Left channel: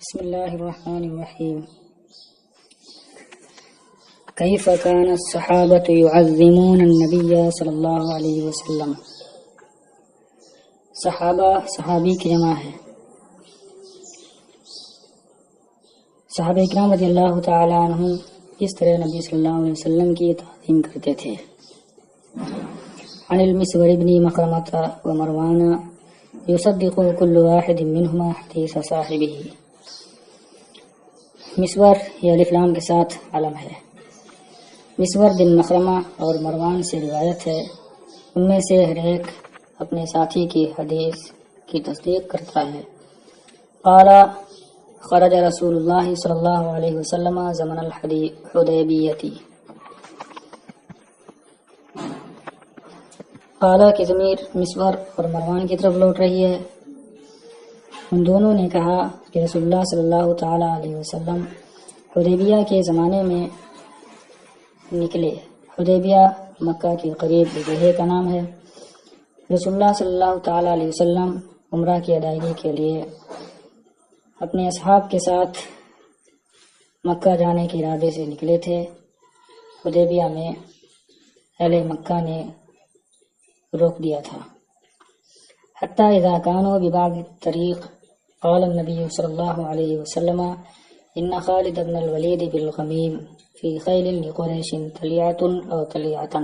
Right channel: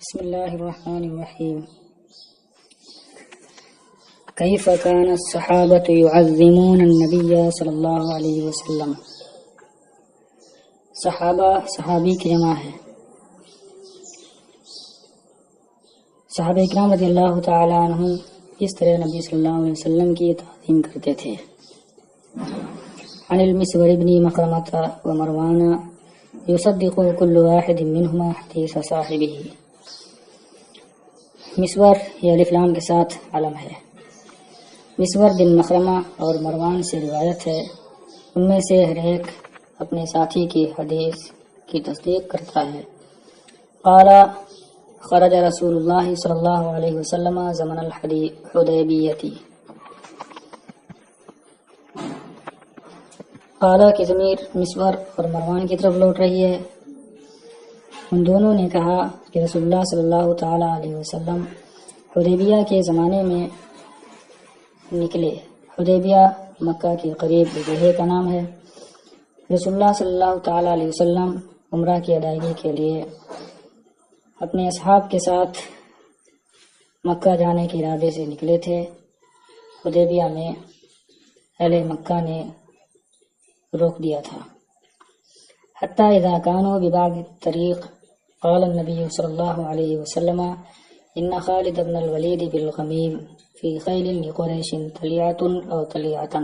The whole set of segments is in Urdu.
بسم الله الرحمن الرحيم. كيف كان الصحابة يعظمون النبي صلی اللہ علیہ وسلم. صحابی کی جمع ہے. صحابہ اکرام رضی اللہ تعالی عنہ اس طرح نبی صلی اللہ علیہ وسلم کی تعظیم کرتے تھے. عن المسور بن مخرمة ومروان يصدق كل واحد منهما حدیث صاحبہ. مسور یہ الف لام کے ساتھ علم ہے. مسور بن مخرمہ اور مروان سے روایت ہے، ان میں سے ہر ایک اپنے ساتھی کی حدیث کی تصدیق کرتا ہے. قال خرج رسول اللہ صلی اللہ علیہ وسلم زمن الحدیبیہ. قال کی ضمیر مسور اور مروان کی طرف لوٹ رہی ہے. ان دونوں نے کہا کہ رسول اللہ صلی اللہ تعالی علیہ وسلم حدیبیہ کے زمانے میں نکلے. حدیبیہ مکہ کے قریب جگہ کا نام ہے. رسول اللہ صلی اللہ تعالی علیہ وسلم عمرہ کی ادائیگی کے لیے اپنے اصحاب کے ساتھ مکہ جانے کے ارادے سے نکلے تھے. حدیبیہ میں اہل مکہ نے روک دیا تھا. حتی اذا كانوا ببعض الطریق قال النبی صلی اللہ علیہ وسلم ان خالد بن الولید بالغمیم فی خیل لقریش تلیعۃ او تلیعۃ.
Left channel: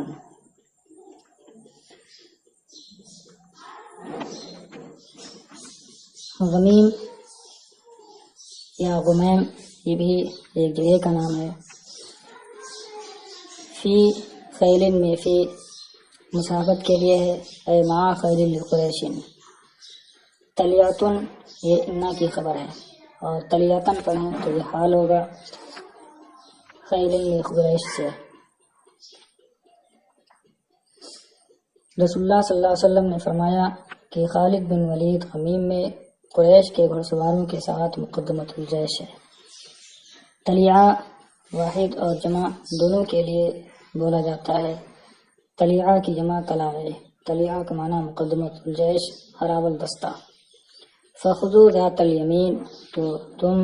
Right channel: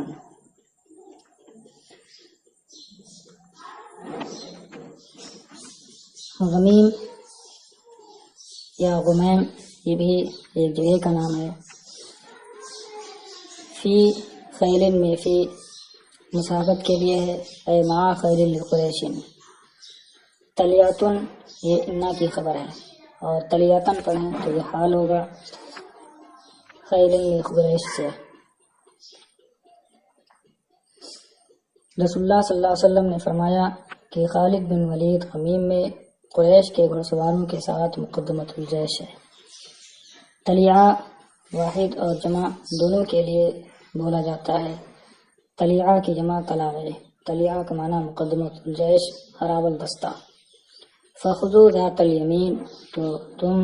غمیم یا غمیم یہ بھی ایک جگہ کا نام ہے. فی خیل میں فی مسابت کے لیے ہے، اے مع خیل لقریش. تلیعۃ یہ انا کی خبر ہے، اور تلیعۃ پڑھیں تو یہ حال ہوگا خیل لقریش سے. رسول اللہ صلی اللہ علیہ وسلم نے فرمایا کہ خالد بن ولید غمیم میں قریش کے گھڑ سواروں کے ساتھ مقدمۃ الجیش ہے. تلیعہ واحد اور جمع دونوں کے لیے بولا جاتا ہے. تلیعہ کی جمع طلاع. تلیعہ کا معنی مقدمۃ الجیش، ہراول دستہ. فخذوا ذات الیمین تو تم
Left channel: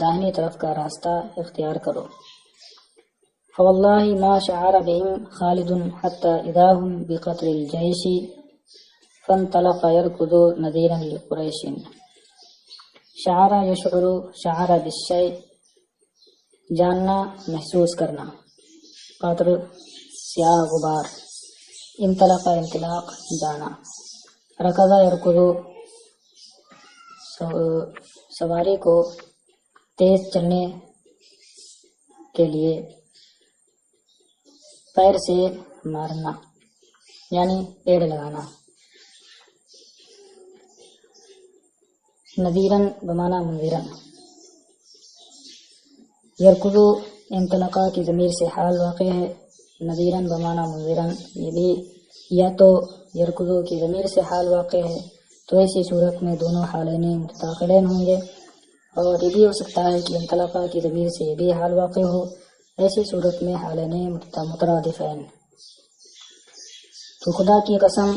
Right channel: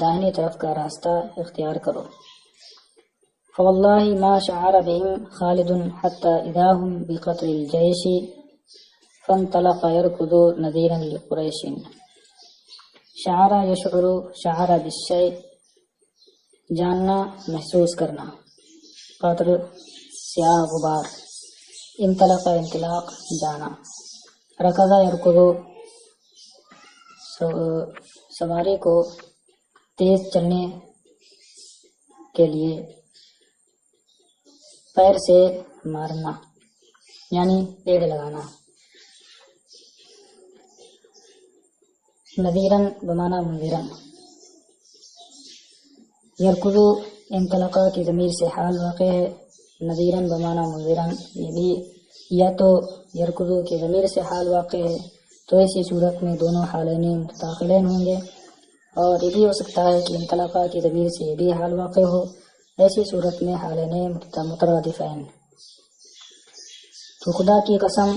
داہنی طرف کا راستہ اختیار کرو. فواللہ ما شعر بهم خالد حتی اذا هم بقتل الجیش فانطلق يركض نذیرا لقریش. شعر یشعر، شعر بالشیء جاننا محسوس کرنا. قطر سیاہ غبار. انطلق انطلاق جانا. رکض یرکض سواری کو تیز چلنے کے لیے پیر سے مارنا یعنی پیڑ لگانا. نذیرن بمانا منذرن. یرکض انطلقہ کی ضمیر سے حال واقع ہے. نذیرن بمانا منذرن یہ بھی یا تو یرکض کی ضمیر سے حال واقع ہے تو ایسی صورت میں دونوں حالین متداخلین ہوں گے، اور یہ بھی ہو سکتا ہے کہ انطلقہ کی ضمیر سے یہ بھی حال واقع ہو، ایسی صورت میں حالین مترادفین. تو خدا کی قسم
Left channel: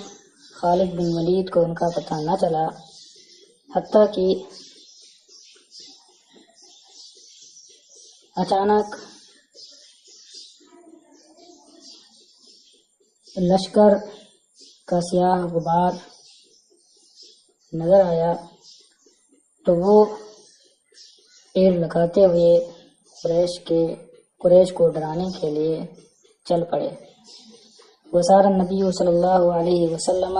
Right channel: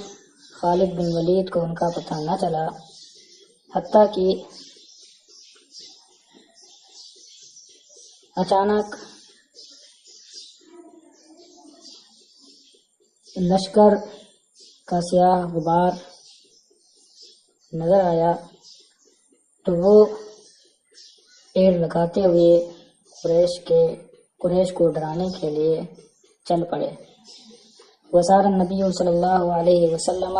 خالد بن ولید کو ان کا پتہ نہ چلا حتیٰ کہ اچانک لشکر کا سیاہ غبار نظر آیا تو وہ پیڑ لگاتے ہوئے قریش کو ڈرانے کے لیے چل پڑے. وسار النبی صلی اللہ علیہ وسلم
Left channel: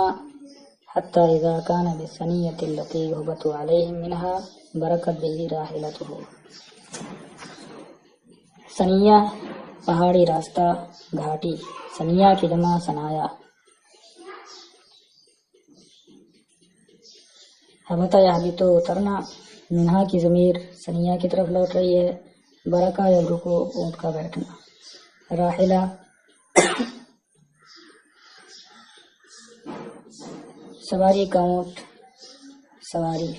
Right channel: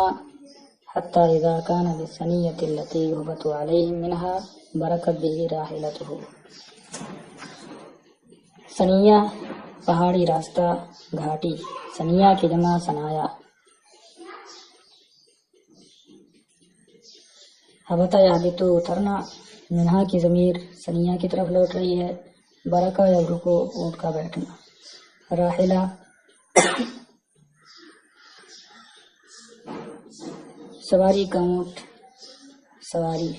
حتی اذا کان بالثنیۃ التی یہبط علیہ منها برکت به راحلته. ثنیہ پہاڑی راستہ، گھاٹی. ثنیہ کی جمع ثنایا. حبط یحبط اترنا. منہا کی ضمیر ثنیہ کی طرف لوٹ رہی ہے. برکہ یا رکو اونٹ کا بیٹھنا. راحلہ سواری کا اونٹ، سواری.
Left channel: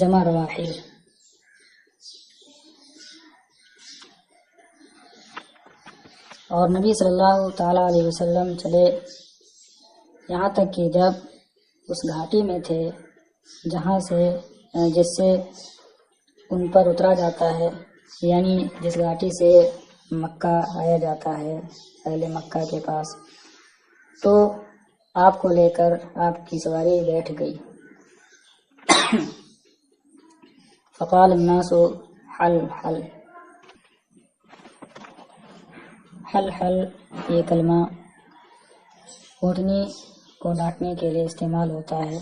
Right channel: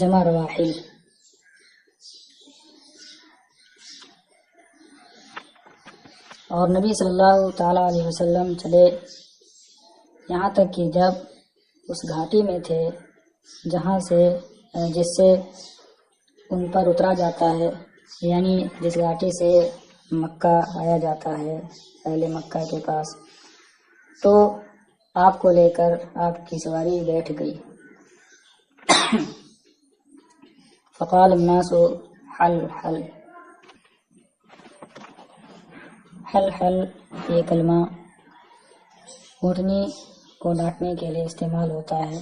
جمع رواحل. اور نبی صلی اللہ تعالی علیہ وسلم چلے یہاں تک کہ جب اس گھاٹی میں تھے جہاں سے جس سے ان پر اترا جاتا ہے، یعنی جس گھاٹی سے مکہ آیا جاتا ہے اہل مکہ کے پاس، تو آپ کو لے کر آپ کی سواری بیٹھ گئی۔ فقال الناس حل حل حل حل، یہ کلمہ اونٹنی کو ڈانٹنے کے لیے استعمال ہوتا ہے۔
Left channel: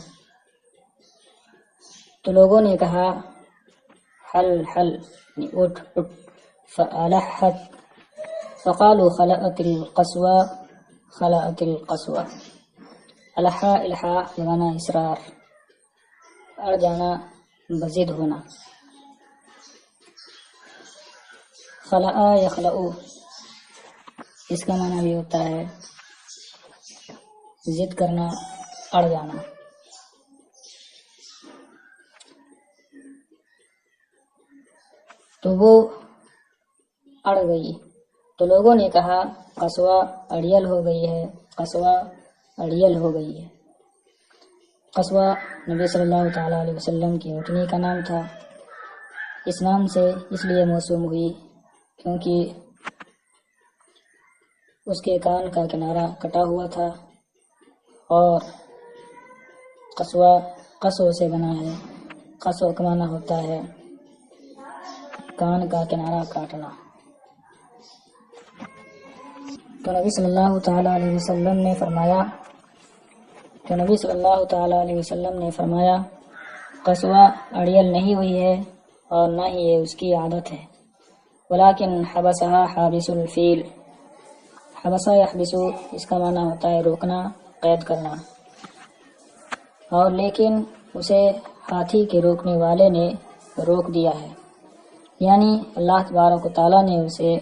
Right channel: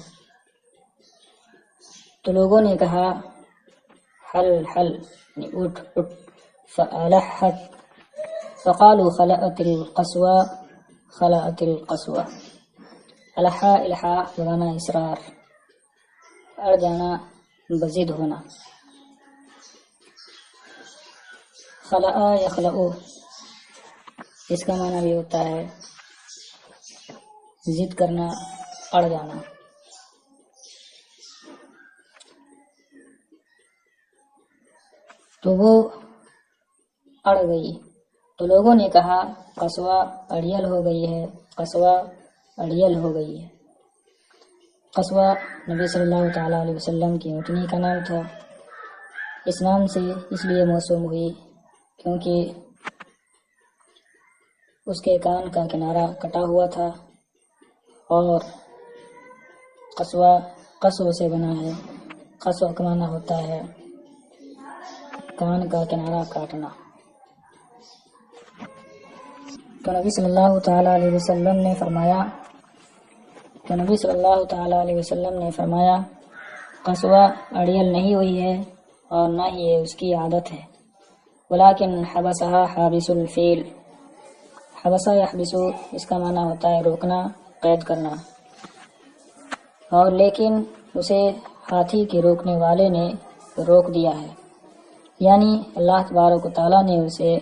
تو لوگوں نے کہا حل حل، یعنی اٹھ اٹھ۔ فألحت، فقالوا خلأت القصوى خلأت القصوى۔ الحا الحا بمعنی اصرار، اڑ جانا، بضد ہونا۔ خلأ یخلؤ، اس کا معنی بھی ہوتا ہے ضد کرنا، اڑ جانا۔ تو وہ اڑ گئی، تو لوگوں نے کہا قصوہ اڑیل ہو گئی ہے، قصوہ اڑیل ہو گئی ہے۔ قصوہ نبی صلی اللہ تعالیٰ علیہ وسلم کی اونٹنی کا نام تھا۔ اس نام سے اس لیے موسوم ہوئی کیونکہ اس کے کان کا کنارہ کٹا ہوا تھا، اور قصوہ قصو سے بنا ہے۔ قصو کا معنی ہوتا ہے کان کا کنارہ کاٹنا۔ تو نبی صلی اللہ تعالیٰ علیہ وسلم نے فرمایا قصوہ اڑیل نہیں ہوئی ہے اور نہ ہی یہ اس کی عادت ہے، ولیکن حبسها حابس الفیل۔ حبسہ یحبسو، اس کا معنی ہوتا ہے روکنا، قید کرنا، اور لیکن اسے ہاتھی کے روکنے والے نے روک دیا ہے، یعنی اللہ تبارک و تعالیٰ نے اسے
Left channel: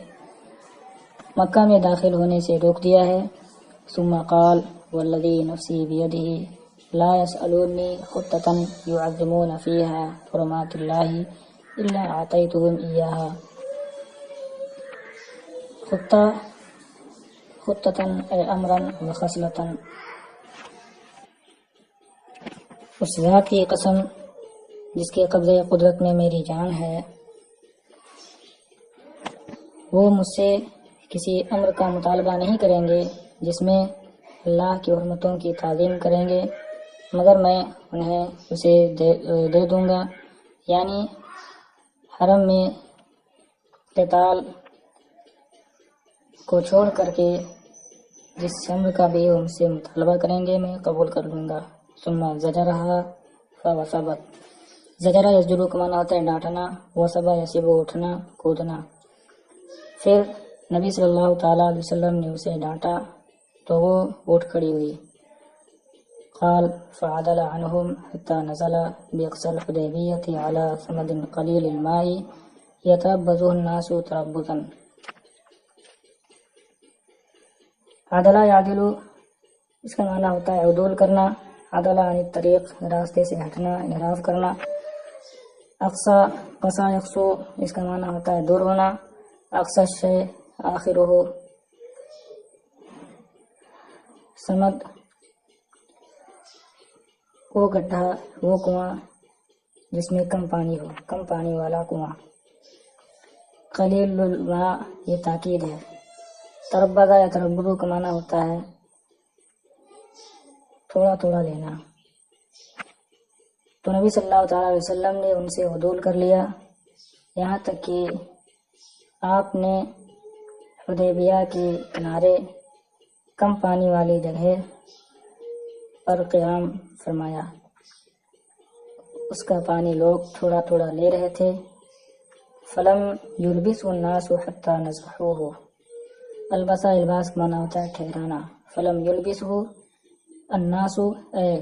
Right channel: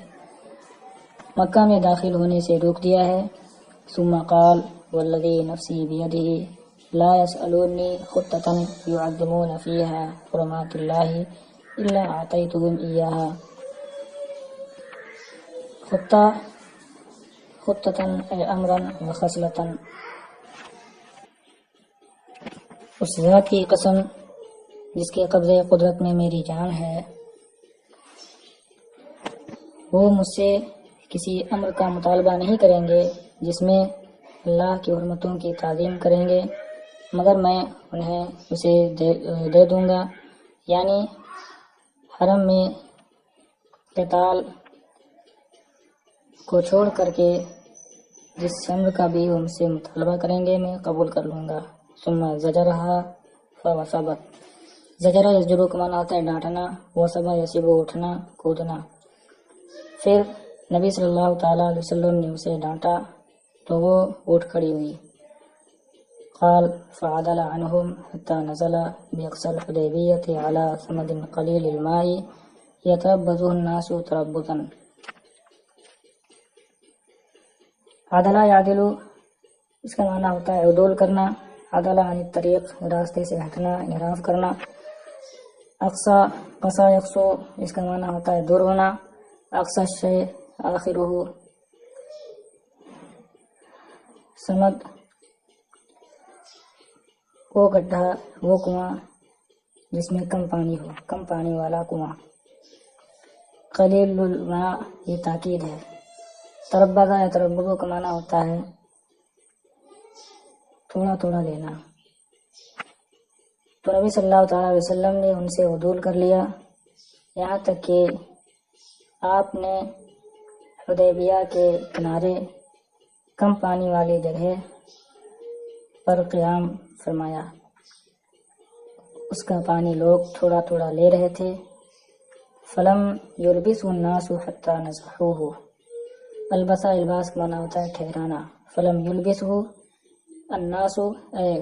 مکہ میں داخل ہونے سے روک دیا ہے۔ ثم قال والذی نفسی بیدہ لا يسألونی خطة يعظمون فیہا حرمات اللہ الا اعطیتهم ایہا۔ خطة اے امرا و خصلة، اس ذات کی قسم جس کے قبضے قدرت میں میری جان ہے، وہ مجھ سے کسی امر کا مطالبہ نہیں کریں گے جس میں اللہ کی حرمتوں کی تعظیم کریں گے، مگر میں انہیں اسے دے دوں گا، یعنی حرم میں قتال کو چھوڑ کر کے جس امر کا بھی ان سے مطالبہ کریں گے میں قبول کر لوں گا۔ ثم زجرها فوثبت، زجرہ یزجرو کا معنی ہوتا ہے ڈانٹنا، وثبا یسبو اٹھنا، کودنا۔ پھر نبی صلی اللہ تعالیٰ علیہ وسلم نے اسے ڈانٹا تو وہ اٹھ کھڑی ہوئی۔ قال فعدل عنهم حتى نزل بأقصى الحديبية على ثمد قليل الماء يتربصه الناس تربصا۔ عدلہ یعدلو، اس کا معنی ہوتا ہے عدول کرنا، عدلہ عن الطریق، راستے سے ہٹنا، انحراف کرنا۔ اقصا قصا یقصو، اس کا معنی ہوتا ہے دور ہونا۔ اقصى الشیء آخرہ، سمد وہ گڈھا، وہ کنواں جس میں کم پانی ہو، کم پانی والا کنواں۔ قلیل الماء، یہ تاکید ہے۔ تربضا یا تربضو کا معنی ہوتا ہے تھوڑا تھوڑا لینا۔ تو نبی صلی اللہ تعالیٰ علیہ وسلم نے ان سے عدول کر لیا، یہاں تک کہ آپ نے حدیبیہ کے کنارے کم پانی والی جگہ پر قیام فرمایا۔ اس کا پانی لوگ تھوڑا تھوڑا لے رہے تھے۔ فلم یلبسہ الناس حتی نزحوہ، البسہ الباس کا معنی ہوتا ہے ٹھہرانا۔ فلم یلبسہ الناس اے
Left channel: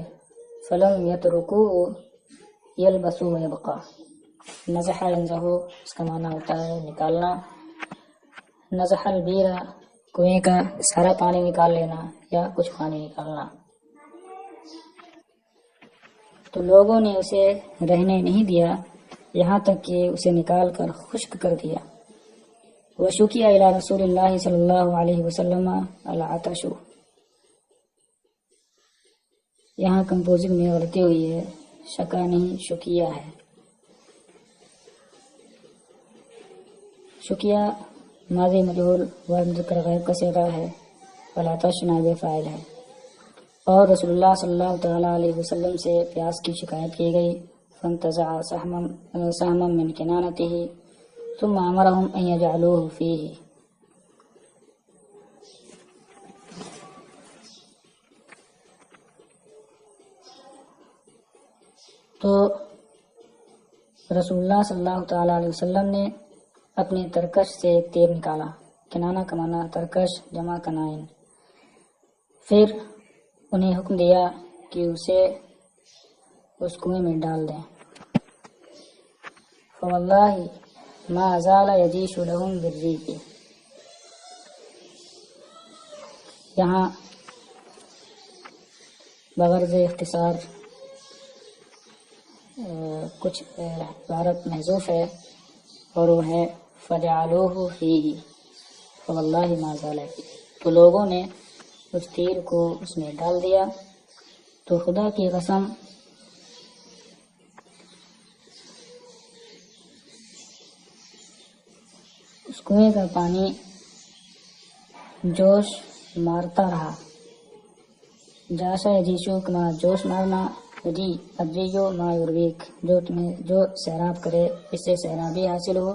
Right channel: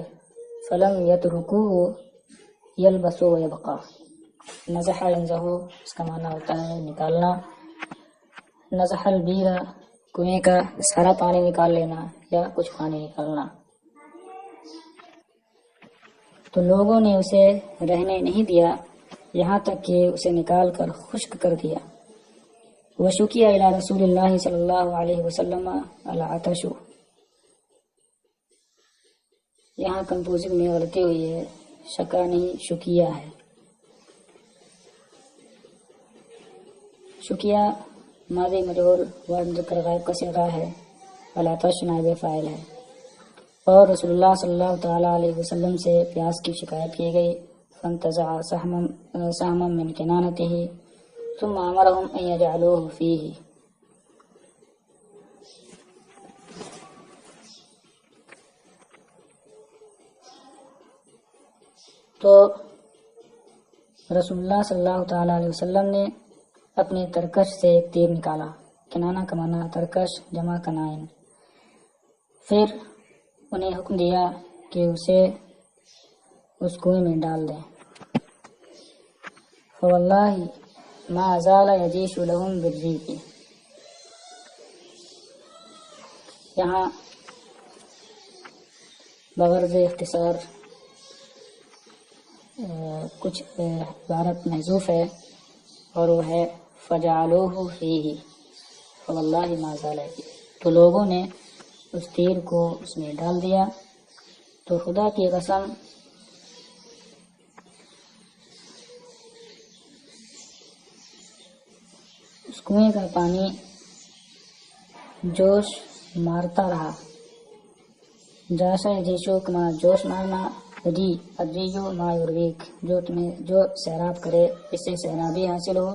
فلم یترکوہ یلبس و یبقى۔ نزح ینزح، اس کا معنی ہوتا ہے نکالنا۔ نزح البیر، کنویں کا سارا پانی نکال لینا یا کچھ پانی نکالنا۔ تو لوگوں نے اسے رہنے نہیں دیا یہاں تک کہ اسے نکال کر خشک کر دیا۔ وشکی الی رسول اللہ صلی اللہ علیہ وسلم العطش، یہاں کمپوزنگ میں غلطی ہوئی ہے، شکا نہیں شکیہ ہے۔ شکیہ ماضی مجہول ورد ذکر غائب کا صیغہ ہے، والعطش نائب فاعل ہے، اور رسول اللہ صلی اللہ تعالیٰ علیہ وسلم سے پیاس کی شکایت کی گئی، فانتزع سہما من کنانته ثم امرهم ان يجعلوه فيه۔ تو رسول اللہ صلی اللہ تعالیٰ علیہ وسلم نے اپنی ترکش سے ایک تیر نکالا، کنانہ کا معنی ترکش جمع کنائن، پھر انہیں حکم دیا کہ اسے اس کنویں میں ڈال دیں۔ فواللہ ما زال یجیش لہم بالریق۔ یہاں بغرض اختصار کچھ عبارت محذوف ہے، اور وہ ہے فجعلوہ فیہ، فواللہ ما زال فیہ، تو لوگوں نے اس تیر کو اس میں ڈال دیا، تو خدا کی قسم اس کنویں کا پانی جوش مارتا رہا۔ جاشا یجیشو کما جوش مارنا، ہجی ادریو ما یرویک، جو سیراب کرے اس سے سیرابی حاصل ہو،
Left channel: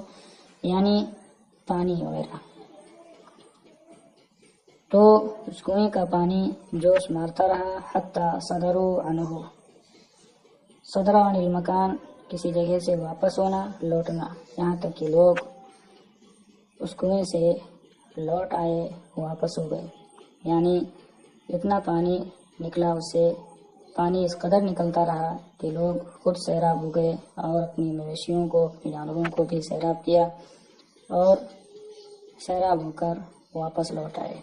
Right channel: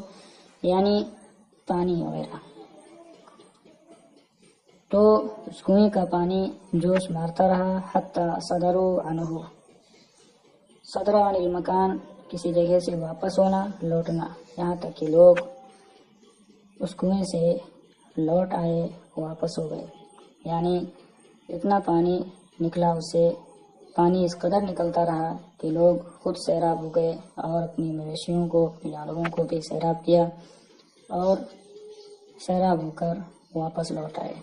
یعنی پانی وغیرہ۔ تو اس کنویں کا پانی جوش مارتا رہا، حتی صدروا عنہ، صدر عن المکان، کسی جگہ سے واپس ہونا، لوٹنا، یہاں تک کہ لوگ اس کنویں سے لوٹ آئے، واپس ہو گئے، یعنی اتنا پانی نکلا اس سے، پانی اس قدر نکلتا رہا کہ لوگ خود سیراب ہو گئے، اور اپنی مویشیوں کو، اپنی جانوروں کو بھی سیراب کیا، اور سیراب ہو کر واپس لوٹ آئے۔